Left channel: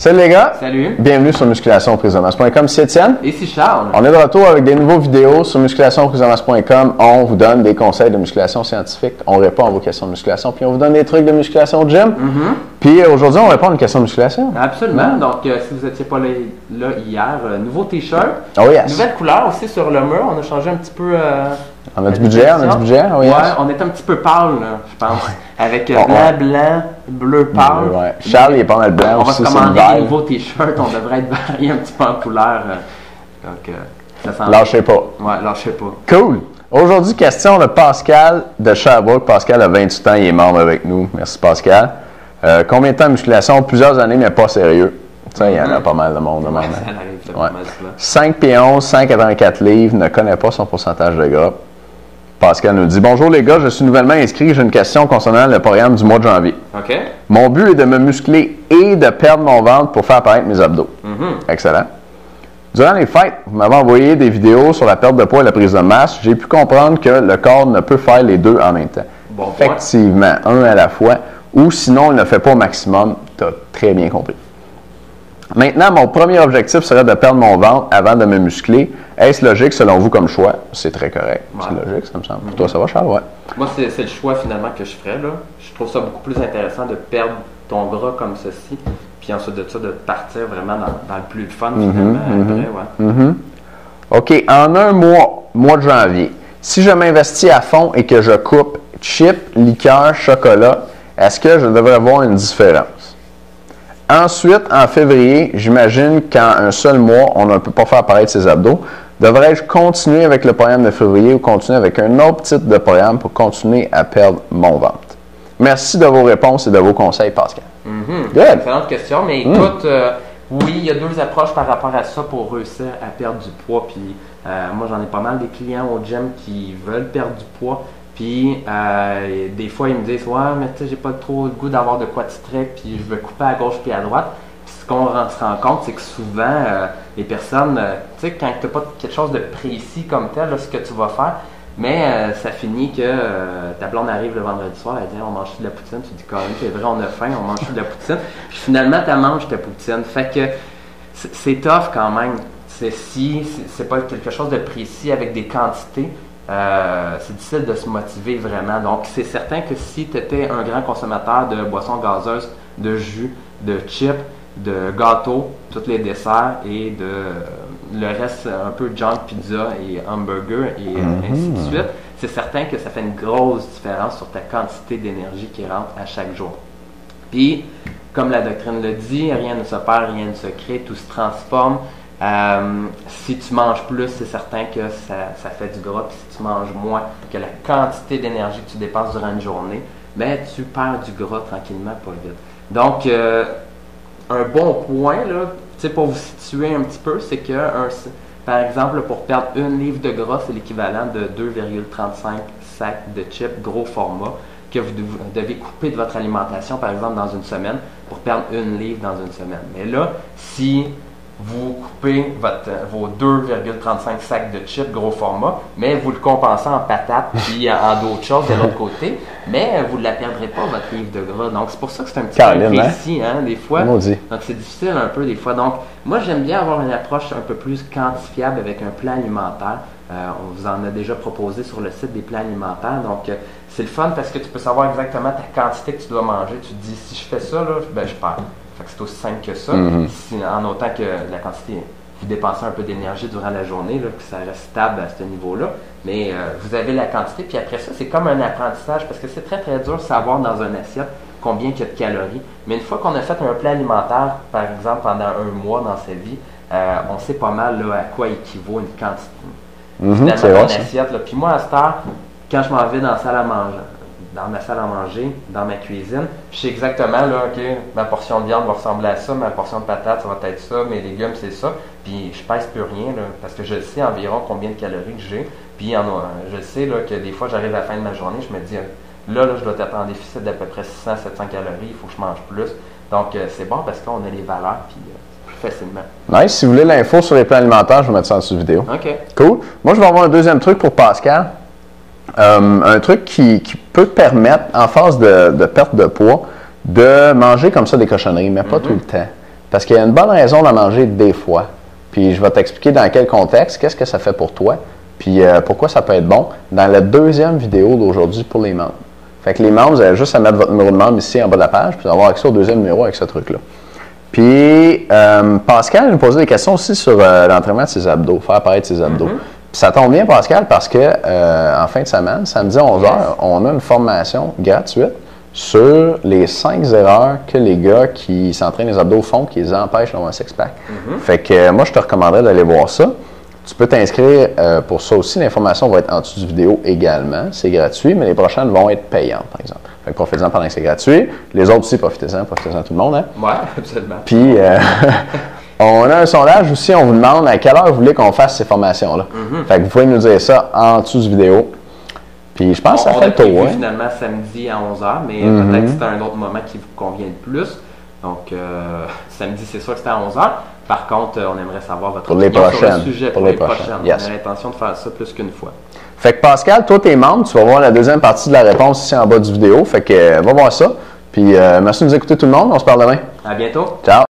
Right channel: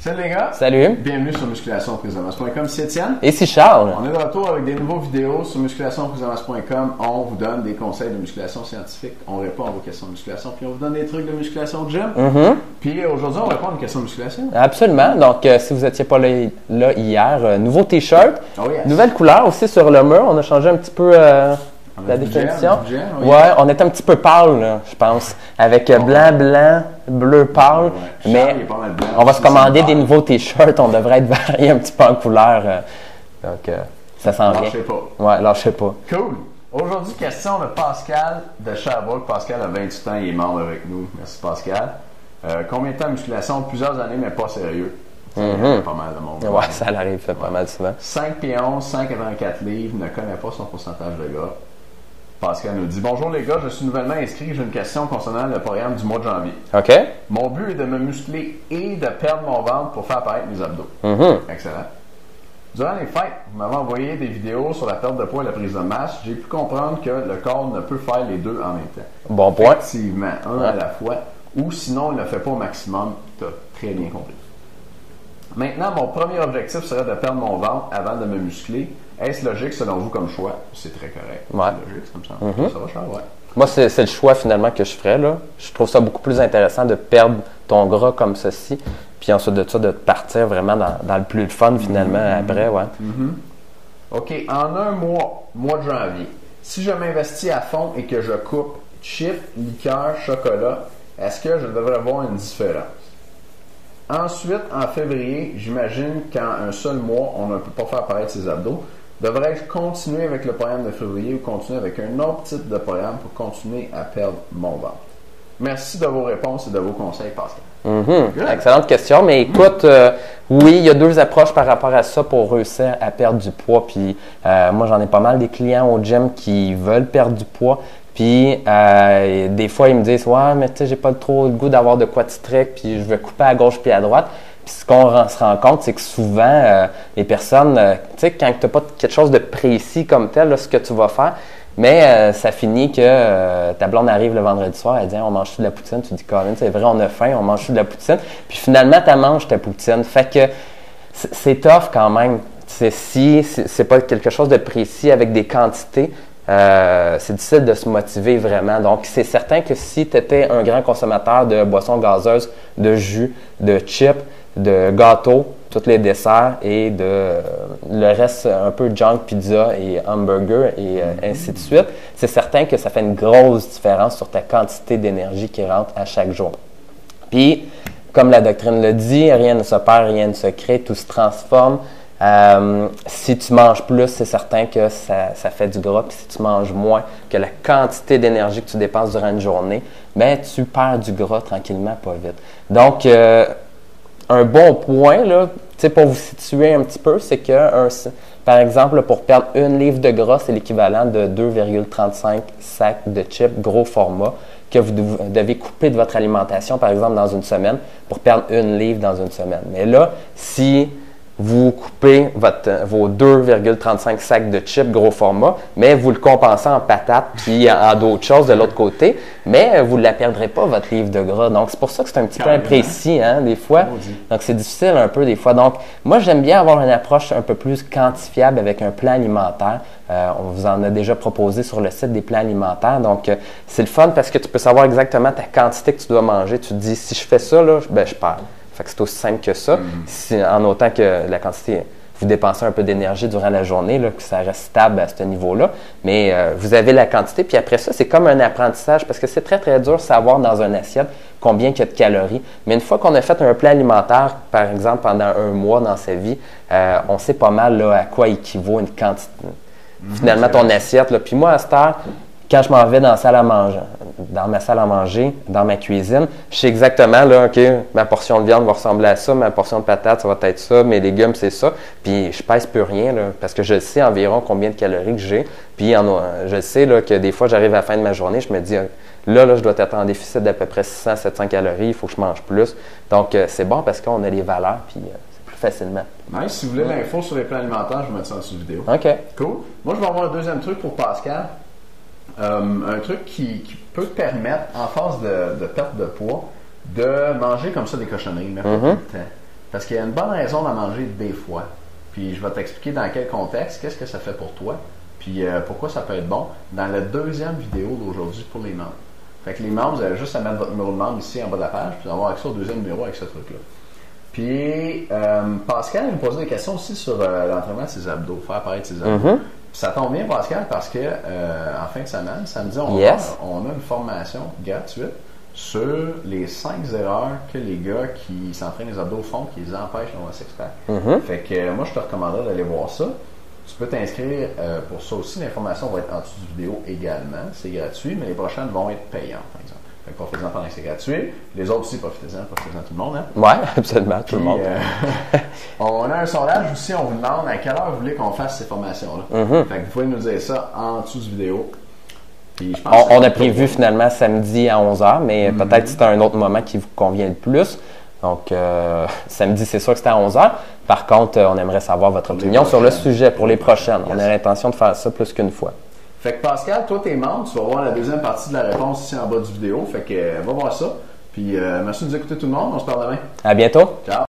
Salut les gars! Salut! Bienvenue sur musculationprisedemasse.com. C'est Étienne. Et c'est Charles. On est de retour avec des nouveaux vidéos sur musculationprisedemasse.com. On vous donne des conseils de musculation scientifique. On répond à vos questions de musculation. Puis on vous donne des trucs de musculation de gym. Puis aujourd'hui, on répond à une question de musculation. Absolument. Donc, si vous n'étiez pas là hier, nouveau T-shirt. Oh yes! Nouvelle couleur aussi sur le mur. On a changé un petit peu. On a du budget, Oh yes. Ouais, on est un petit peu pâle, là, je pense. Avec blanc, bleu pâle. Ouais. Charles, il est pas mal blanc. On va aussi, se commander des nouveaux T-shirts. On devrait être varié un petit peu en couleur. Donc, ça sent Lâchez pas. Ouais, lâchez pas. Cool! Aujourd'hui, question de Pascal de Sherbrooke. Pascal a 28 ans, il est membre avec nous. Merci Pascal. Combien de temps de musculation? Plusieurs années, mais pas sérieux. Ça, il y en a pas mal de monde. Ouais, ça arrive pas mal souvent. 5 pieds 11, 184 livres, ne connaît pas son pourcentage de gras. Pascal nous dit « Bonjour les gars, je suis nouvellement inscrit. J'ai une question concernant le programme du mois de janvier. OK. Mon but est de me muscler et de perdre mon ventre pour faire apparaître mes abdos. Excellent. Durant les fêtes, vous m'avez envoyé des vidéos sur la perte de poids et la prise de masse. J'ai pu comprendre que le corps ne peut faire les deux en même temps. Bon point. Effectivement, un à la fois, ou sinon, il ne fait pas au maximum. Tu as très bien compris. Maintenant, mon premier objectif serait de perdre mon ventre avant de me muscler. Est-ce logique selon vous comme choix? C'est très correct. Ouais. C'est logique, ça me semble. Toi, ça va, Charles? Ouais. Moi, c'est le choix finalement que je ferais. Là. Je trouve ça beaucoup plus intéressant de perdre ton gras comme ceci, puis ensuite de ça, de partir vraiment dans le plus de fun finalement après. Ouais. OK. En un mois de janvier, si je m'investis à fond et que je coupe chips, liqueur, chocolat, est-ce que je devrais avoir une différence? Ensuite, en février, j'imagine qu'en un seul mois, on ne peut pas faire apparaître ses abdos. Devrais-je continuer avec le programme de février ou continuer avec un autre type de programme pour continuer à perdre mon ventre? Merci de vos réponses et de vos conseils, Pascal. Excellente question. Mais écoute, oui, il y a deux approches par rapport à ça pour réussir à perdre du poids. Puis moi, j'en ai pas mal des clients au gym qui veulent perdre du poids. Puis des fois, ils me disent « Ouais, mais tu sais, j'ai pas trop le goût d'avoir de quoi de strict, puis je veux couper à gauche puis à droite. » Puis ce qu'on se rend compte, c'est que souvent, les personnes, tu sais, quand tu n'as pas quelque chose de précis comme tel, là, ce que tu vas faire, mais ça finit que ta blonde arrive le vendredi soir, elle dit « On mange de la poutine. » Tu dis « Quand même, c'est vrai, on a faim, on mange de la poutine. » Puis finalement, tu manges ta poutine. Fait que c'est tough quand même. Si c'est pas quelque chose de précis avec des quantités, c'est difficile de se motiver vraiment. Donc, c'est certain que si tu étais un grand consommateur de boissons gazeuses, de jus, de chips, de gâteaux, tous les desserts et le reste un peu junk, pizza et hamburger et ainsi de suite, c'est certain que ça fait une grosse différence sur ta quantité d'énergie qui rentre à chaque jour. Puis, comme la doctrine le dit, rien ne se perd, rien ne se crée, tout se transforme. Si tu manges plus, c'est certain que ça fait du gras. Puis si tu manges moins que la quantité d'énergie que tu dépenses durant une journée, bien, tu perds du gras tranquillement, pas vite. Donc, un bon point, là, pour vous situer un petit peu, c'est que, par exemple, pour perdre 1 livre de gras, c'est l'équivalent de 2,35 sacs de chips gros format que vous devez couper de votre alimentation, par exemple, dans une semaine, pour perdre 1 livre dans une semaine. Mais là, si vous coupez vos 2,35 sacs de chips gros format, mais vous le compensez en patates puis en d'autres choses de l'autre côté, mais vous ne la perdrez pas, votre livre de gras. Donc, c'est pour ça que c'est un petit peu imprécis, hein, des fois. Maudit. Donc, c'est difficile un peu des fois. Donc, moi, j'aime bien avoir une approche un peu plus quantifiable avec un plan alimentaire. On vous en a déjà proposé sur le site des plans alimentaires. Donc, c'est le fun parce que tu peux savoir exactement ta quantité que tu dois manger. Tu te dis, si je fais ça, là, ben, je perds. Fait que c'est aussi simple que ça. En autant que la quantité, vous dépensez un peu d'énergie durant la journée, là, que ça reste stable à ce niveau-là. Mais vous avez la quantité. Puis après ça, c'est comme un apprentissage parce que c'est très, très dur de savoir dans un assiette combien il y a de calories. Mais une fois qu'on a fait un plan alimentaire, par exemple, pendant un mois dans sa vie, on sait pas mal là, à quoi équivaut une quantité. Finalement, ton assiette. Là. Puis moi, à cette heure, quand je m'en vais dans la salle à manger, dans ma salle à manger, dans ma cuisine, je sais exactement, là, OK, ma portion de viande va ressembler à ça, ma portion de patates, ça va être ça, mes légumes, c'est ça. Puis je pèse plus rien, là, parce que je sais environ combien de calories que j'ai. Puis je sais là, que des fois, j'arrive à la fin de ma journée, je me dis, là, je dois être en déficit d'à peu près 600-700 calories, il faut que je mange plus. Donc, c'est bon parce qu'on a les valeurs, puis c'est plus facilement. Nice. Si vous voulez l'info sur les plans alimentaires, je vais mettre ça en dessous de vidéo. OK. Cool. Moi, je vais avoir un deuxième truc pour Pascal. Un truc qui peut te permettre, en phase de perte de poids, de manger comme ça des cochonneries, mais pas tout le temps. Parce qu'il y a une bonne raison d'en manger des fois. Puis je vais t'expliquer dans quel contexte, qu'est-ce que ça fait pour toi, puis pourquoi ça peut être bon dans la deuxième vidéo d'aujourd'hui pour les membres. Fait que les membres, vous avez juste à mettre votre numéro de membre ici en bas de la page, puis avoir accès au deuxième numéro avec ce truc-là. Puis Pascal nous posait des questions aussi sur l'entraînement de ses abdos, faire apparaître ses abdos. Puis ça tombe bien, Pascal, parce que en fin de semaine, samedi à 11h, on a une formation gratuite sur les 5 erreurs que les gars qui s'entraînent les abdos font qui les empêchent d'avoir un six-pack. Fait que moi, je te recommanderais d'aller voir ça. Tu peux t'inscrire pour ça aussi. L'information va être en dessous du vidéo également. C'est gratuit, mais les prochaines vont être payantes, par exemple. Fait que profitez-en pendant que c'est gratuit. Les autres aussi, profitez-en tout le monde. Hein? Oui, absolument. Puis, on a un sondage aussi. On vous demande à quelle heure vous voulez qu'on fasse ces formations-là. Fait que vous pouvez nous dire ça en dessous du vidéo. Puis je pense on a prévu finalement samedi à 11h, mais peut-être que c'était un autre moment qui vous convient le plus. Donc, samedi, c'est sûr que c'était à 11h. Par contre, on aimerait savoir votre opinion sur le sujet pour les prochaines. Yes. On a l'intention de faire ça plus qu'une fois. Fait que Pascal, toi, t'es membre, tu vas voir la deuxième partie de la réponse ici en bas du vidéo. Fait que va voir ça. Puis merci de nous écouter tout le monde. On se parle demain. À bientôt. Ciao.